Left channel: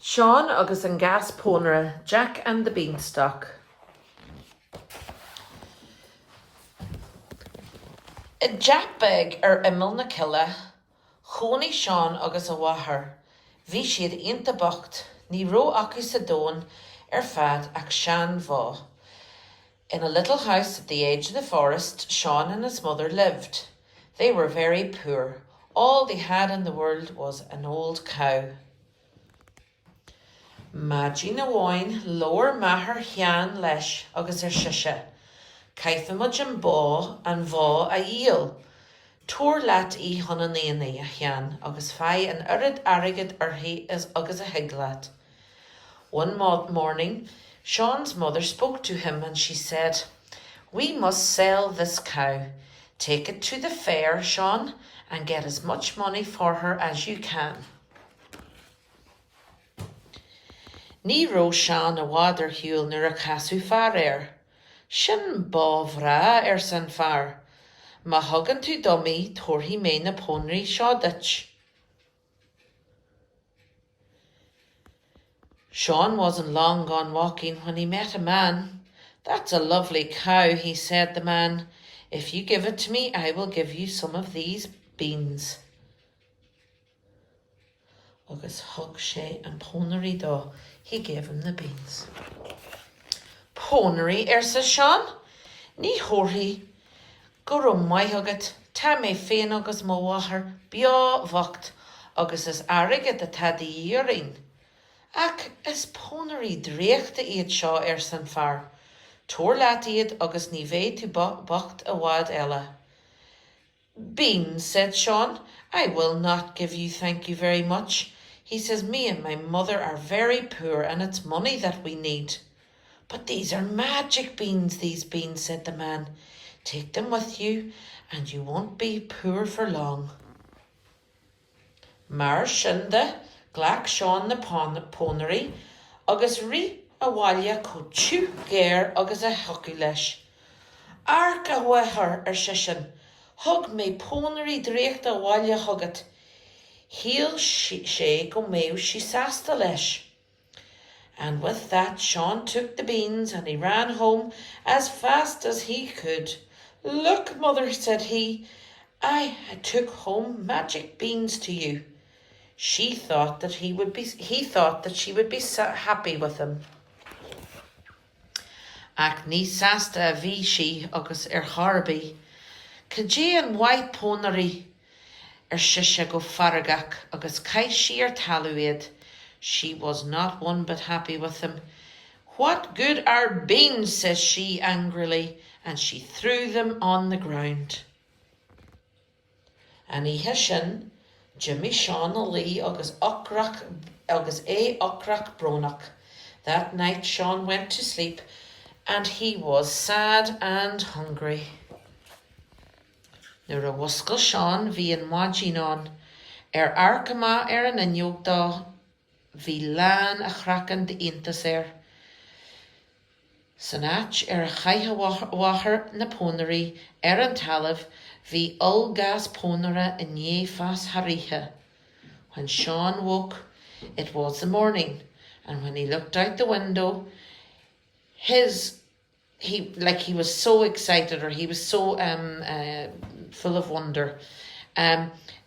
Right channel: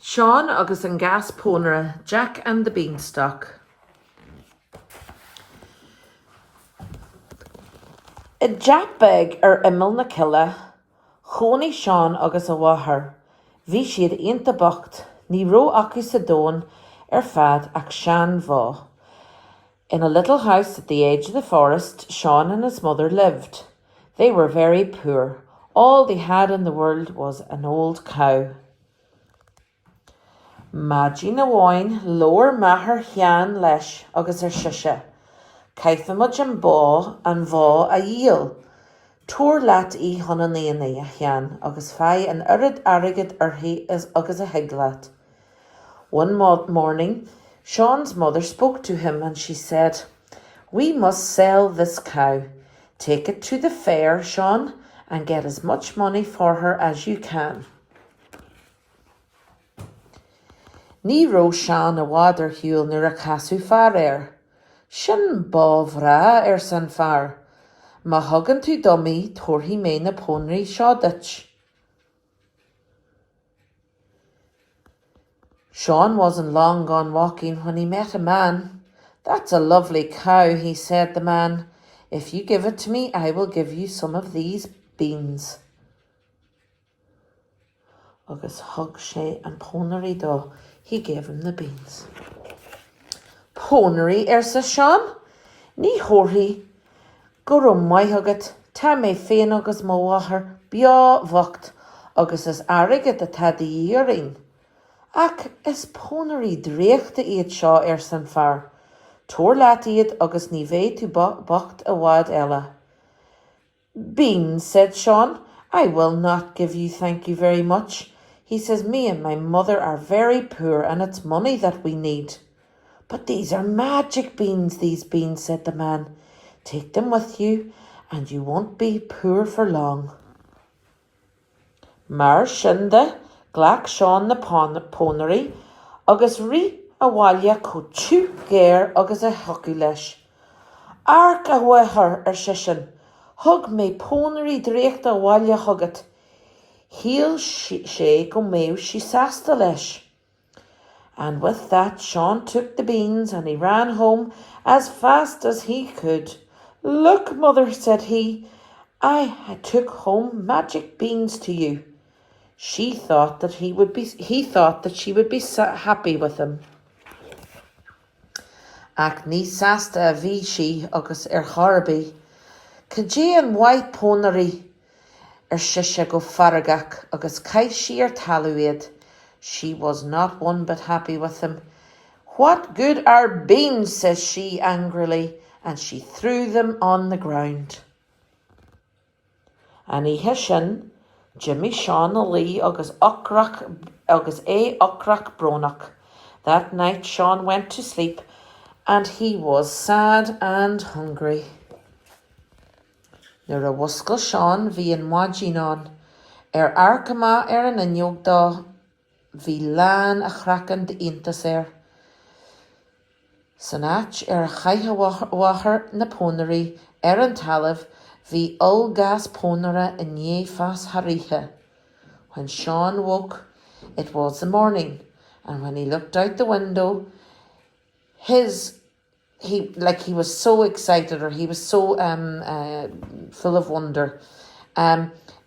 Sean agus an Gas Ponaire, Jack and the Beanstalk. I Jackbeg imil na cilla, chónaí Sean agus a wathair. Bhí siad aonta bocht, ní ró acu sa dón fad ach Sean bhá. In a little house at the edge of the forest, Sean and his mother lived. They were very poor. All they had in the world was an old cow. Madgy na bháin lower maither cheann leis agus siise. Caithfimid an bá an bhá a díal. Tuair leat í chun an éanaí a cheann agus fai an urid airgid orthaí agus a higlaat. One morning, Sean's mother spoke to him and she said, "We must sell this cow. Take it to the fair, Sean, and get as much money for her as you can." Ní ró Sean a bhádar hiúil nuair a casú fear Sin bábhrá san fear. Má thugann tú domí tuairtí mé na pónaí seo duit. Sean wasn't long gone walking when he met a man. "That's a lovely cow," he said the man. "If you give it to me, I will give you some of these beans." Agus thug sé an pónaí dó. He gave him the beans. Pónaí sa Sean? Ní chóirthaí. Go raibh maithagad, tá mé féin agus mo wathair beo bhacht agus is airgid atá díorainn. Ach is pónaí dréachta iad seo san fear. Tuair leat iad agus ní bheidh tú bocht a bhád eile. "Beans," said Sean. "I will not give you thank you very much." He says, "Me and my mother are very poor and it's money that we need." "But these are magic beans, these beans," said the man. "Take them with you and you won't be poor for long." Mar sinnde ghlac Sean na pónaí agus rí a bhaile có tú géir agus a thucaí leis. "Arc a bhaithir sisin, thug mé pónaí dréachta a bhaile thugad." Heel sé go méo she sasta leis. And with that, Sean took the beans and he ran home as fast as he could. "Look, mother," said he, I took home magic beans to you." He thought that she would be happy with him. Ach ní sasta a bhí sí agus charbí. Cadé an white pónaí siise go faragach agus caiith sí talúiad. She was not one bit happy with him. "What good are beans?" says she angrily, and she threw them on the ground. Aníthe sin, Jimmy Sean a lí agus ocrach bronach. That night Sean went to sleep and he was sad and hungry. Nuair a bhuascail Sean bhí an maidín arcama an inneog dá, bhí lean a chracan de iontas San áit a chaithe wathair na pónaí an talamh, bhí Gas Ponaire in fas harithe. When Sean woke, it was the morning, and when he looked out the window, he was so excited, or he was so full of wonder.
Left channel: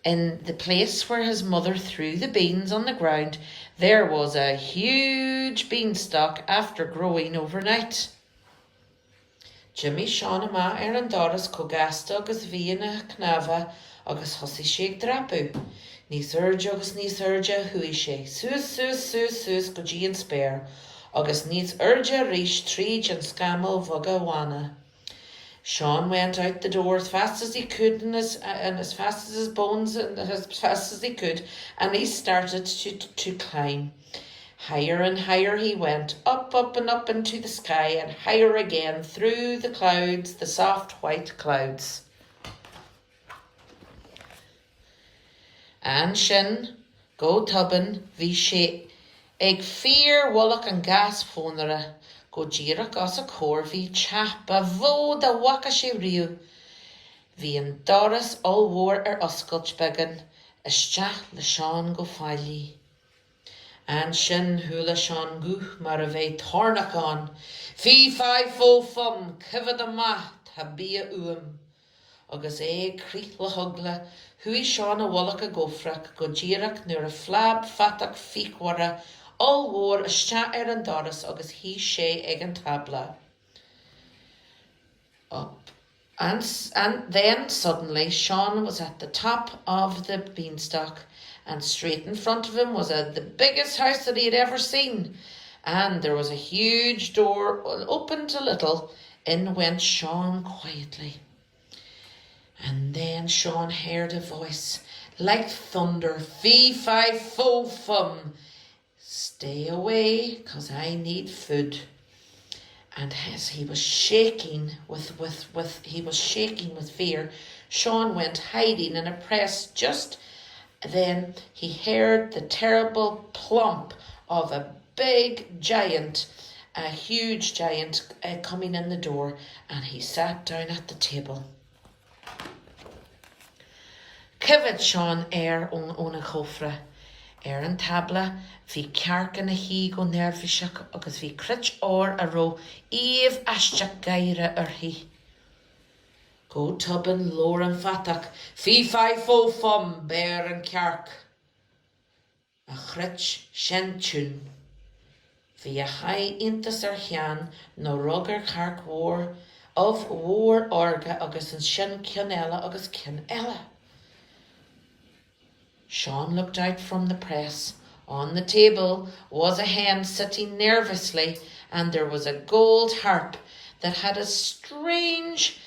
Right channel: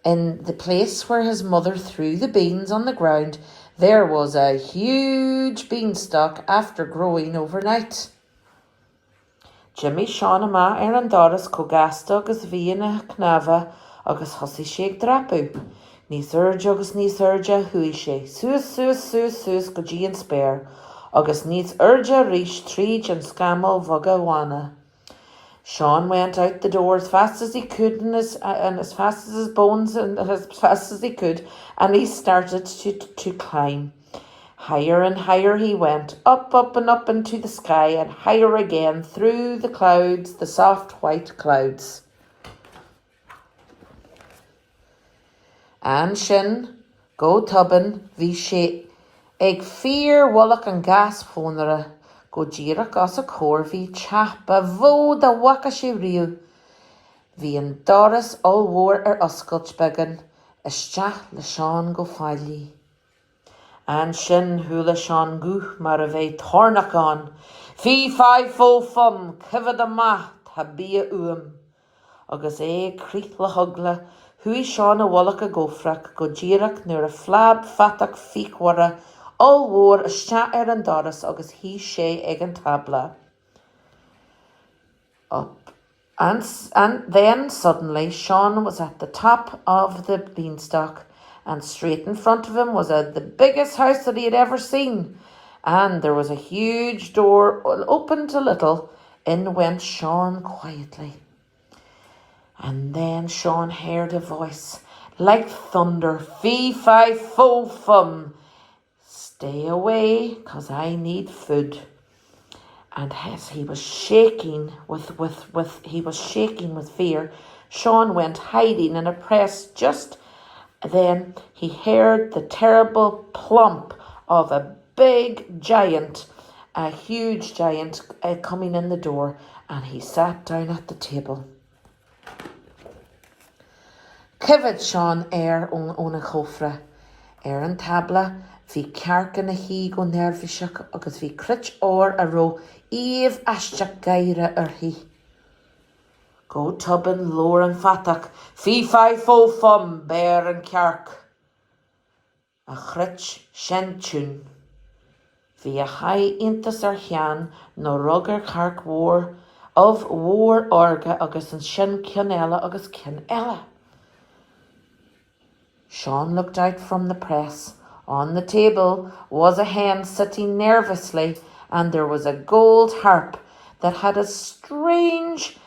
In the place where his mother threw the beans on the ground, there was a huge beanstalk after growing overnight. Jimmy Sean ama an doras cogasta agus bhí ina cnava agus thosaigh sé ag drapú. Níos urge hui sé, suas go dtí an spéir, agus níos urge rís tríd an scamal bhaga bhána. Sean went out the door as fast as he could and as fast as his bones and as fast as he could, and he started to climb. Higher and higher he went, up and up into the sky, and higher again through the clouds, the soft white clouds. And sin, go tubbin, bhí sé ag fear wallach an Gas Ponaire, go ddíreach as a cór bhí teapa bhód a wacha sé riú. Bhí an doras allmhór oscailt began, isteach le Sean go fáilí. And sin hula Sean goo mar a bheith tornach an. Fí fai fó fum, civad a math, ha bia uam. Agus crith le hugla, hui Sean a wallach a gofrach, go ddíireach nuair a flab fatach fichwara, all war a sta an doras, agus he sé ag an tabla. Up. And then suddenly Sean was at the top of the beanstalk, and straight in front of him was the biggest house that he had ever seen. And there was a huge door opened a little. In went Sean quietly. And then Sean heard a voice like thunder. Fee, fi, fo, fum. Stay away, 'cause I need food. And as he was shaking with fear, Sean went hiding in a press. Just then he heard the terrible plump of a big giant, a huge giant, coming in the door, and he sat down at the table. Civid Sean ón a chofra. An tabla, hí cearcan a hí go nervhíseach agus hí crit a ró íomh aisteach gaire hí. Go tuban lór an fatach, fí fai fó fum bear an cearc. A crit sin tún. Hí a chai intas chean nó rugar carc war orga agus an sin cianella agus cianella. Sean looked out from the press. On the table was a hen sitting nervously, and there was a gold harp that had a strange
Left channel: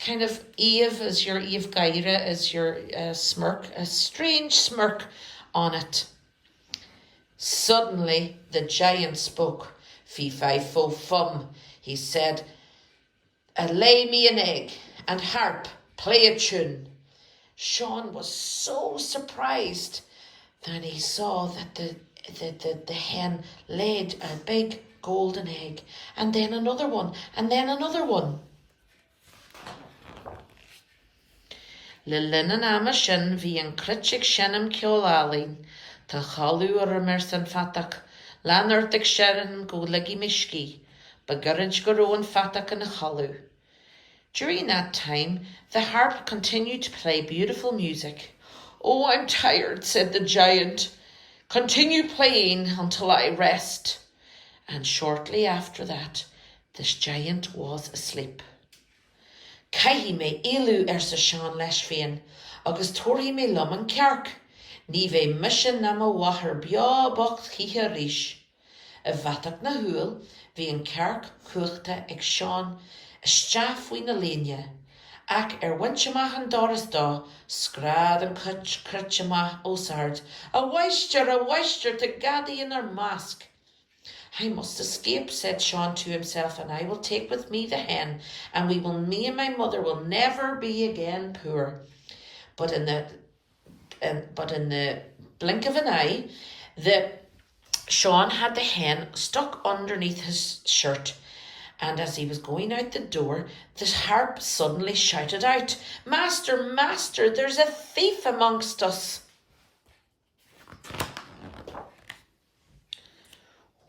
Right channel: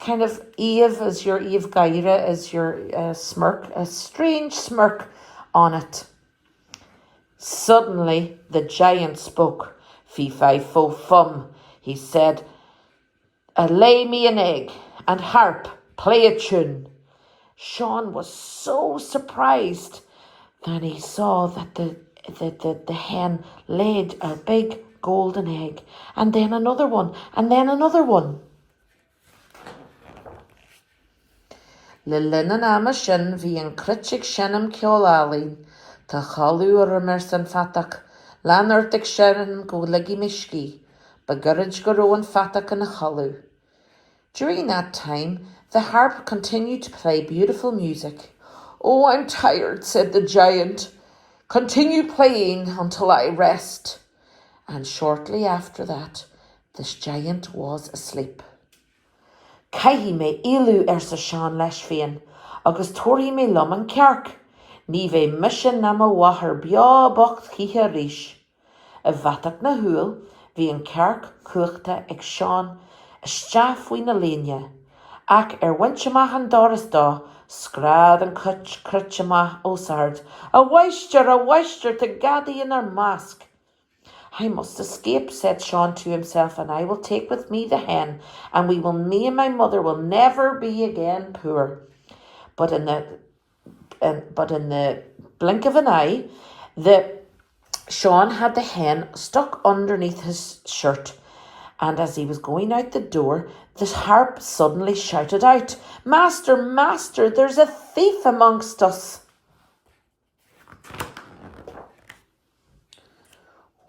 kind of Eve, as your Eve Gaira, as your smirk, a strange smirk on it. Suddenly the giant spoke. Fee fi fo fum, he said, lay me an egg, and harp, play a tune. Sean was so surprised that he saw that the hen laid a big golden egg, and then another one, and then another one. Le linan ama sin bhí an critig sinam ceolálín, tá chalú ar mar san fatach, lanartig sin go ligi misci, bagurrid go ró an fatach in a chalú. During that time, the harp continued to play beautiful music. Oh, I'm tired, said the giant. Continue playing until I rest. And shortly after that, this giant was asleep. Caihi me ilu sa Sean leis féin, agus tóri me lom an cearc. Ní bheith mission na ma wahar bia bocht chiche ríis. A bhatach na húil, bhí an cearc cuachta ag Sean, Staff win a léine. Ac winchama an doras da, scrad an critchama osard. A weister to gaddy in her mask. I must escape, said Sean to himself, and I will take with me the hen, and me and my mother will never be again poor. But in the blink of an eye, Sean had the hen stuck underneath his shirt. And as he was going out the door, the harp suddenly shouted out, Master, master, there's a thief amongst us.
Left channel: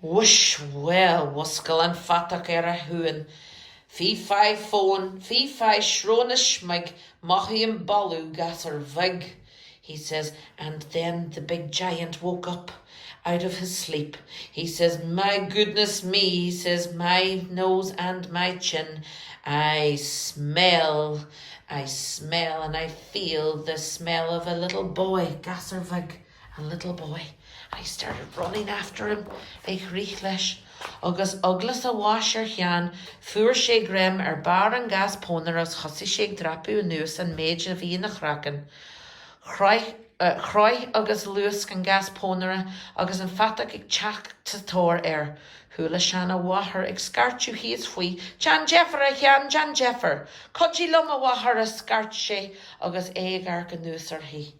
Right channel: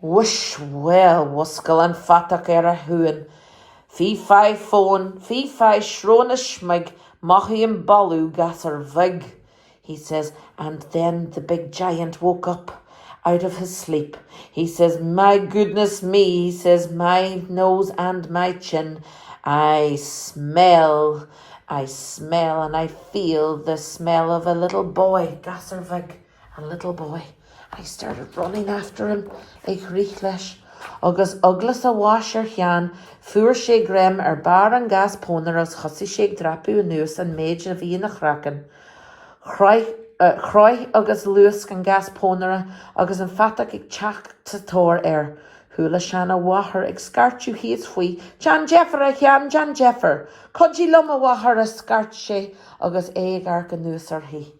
Whoosh, well, wuskal an fatach a huan. Fí fai phone, fí fai shrona schmig, machi an balu gasar vig, he says, and then the big giant woke up out of his sleep. He says, my goodness me, he says, my nose and my chin, I smell, and I feel the smell of a little boy, Gasservig, a little boy. I started running after him, ag rich leis. Agus uglas a washer chean, fuair sé grem bar an gas Ponaire as chosi sé drapu nuas an méid a bhí na chracan. Chroich agus luas an gas Ponaire agus an fatach ag teach tatóir Hula sean a wahar ag scartú híos faoi. Jan Jeffer a chean Jan Jeffer. Codí lum a wahar a scart sé agus ag arca nuas hí.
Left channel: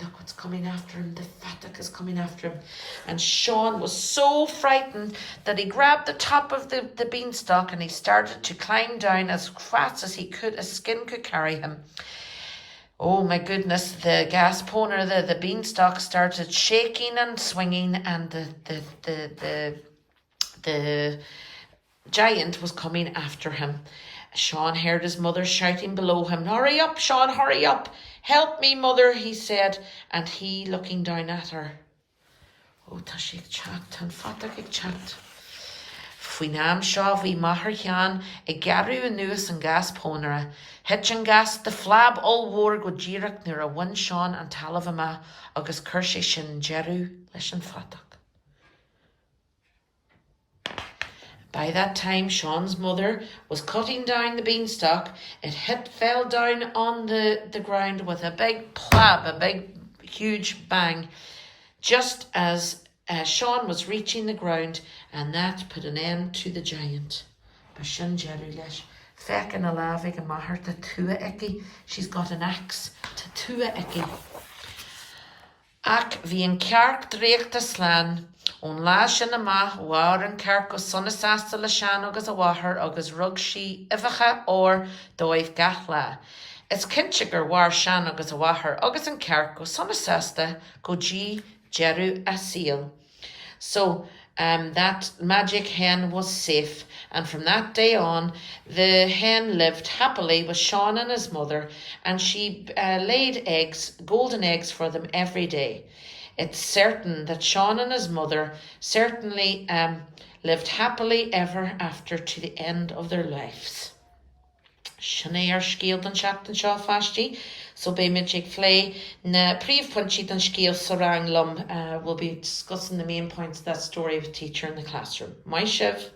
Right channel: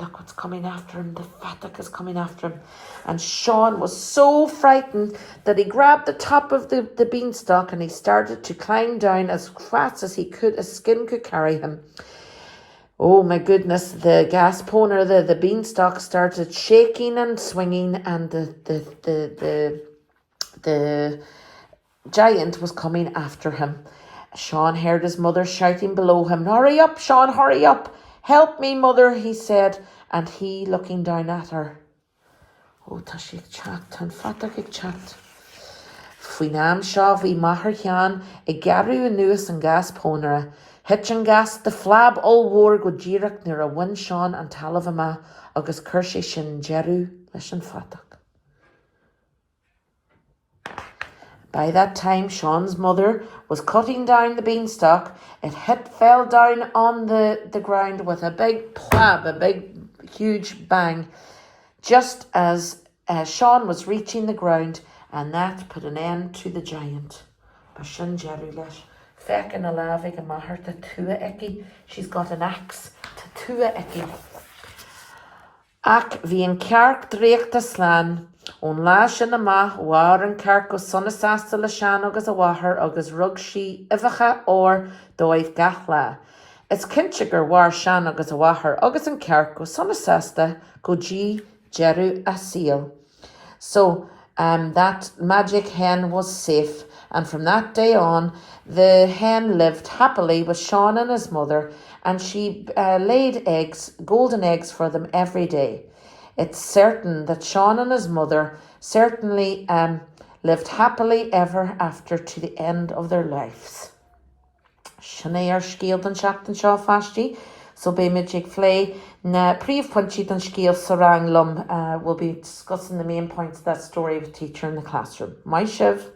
Look what's coming after him. The fatach is coming after him. And Sean was so frightened that he grabbed the top of the beanstalk and he started to climb down as fast as he could, as skin could carry him. Oh my goodness, the gas ponaire, the beanstalk started shaking and swinging, and the giant was coming after him. Sean heard his mother shouting below him, "Hurry up, Sean, hurry up. Help me, mother," he said, and he looking down at her. Oh, tá sí chat, tan fata ag chat. Faoin am seo bhí maithir cheann I gearú anuas an gas ponaire. Het an gas de flab all war go ddíireach nuair a bhain Sean an talamh ama agus chuir sé sin jeú leis an fatach. By that time, Sean's mother was cutting down the beanstalk. It fell down on the ground with a big plab, a big, huge bang, just as Sean was reaching the ground, and that put an end to the giant. Bashin jeru leis. Feckin a lavig a mahar to tua ekki. She's got an axe to tua ekki. Ac fi yn cearc dreicht a slan, o'n la sin ama war yn cearc o sonasasta le sian agus a wahar agus rug si ifacha or doiv gachla. It's kinchiger war sian agus a wahar agus yn cearc o sonasasta go G jeru a seal. So that magic hen was safe, and from that day on the hen lived happily with Sean and his mother, and she laid eggs, golden eggs for them every day. It's certain that Sean and his mother certainly lived happily ever after to the end of their lives. Sinear scield an seachtain seo fastí, so be mid flay na príomh pointí an scéal sarang lum. We'll be discussing the main points of that story with teacher in the classroom. My Shiv.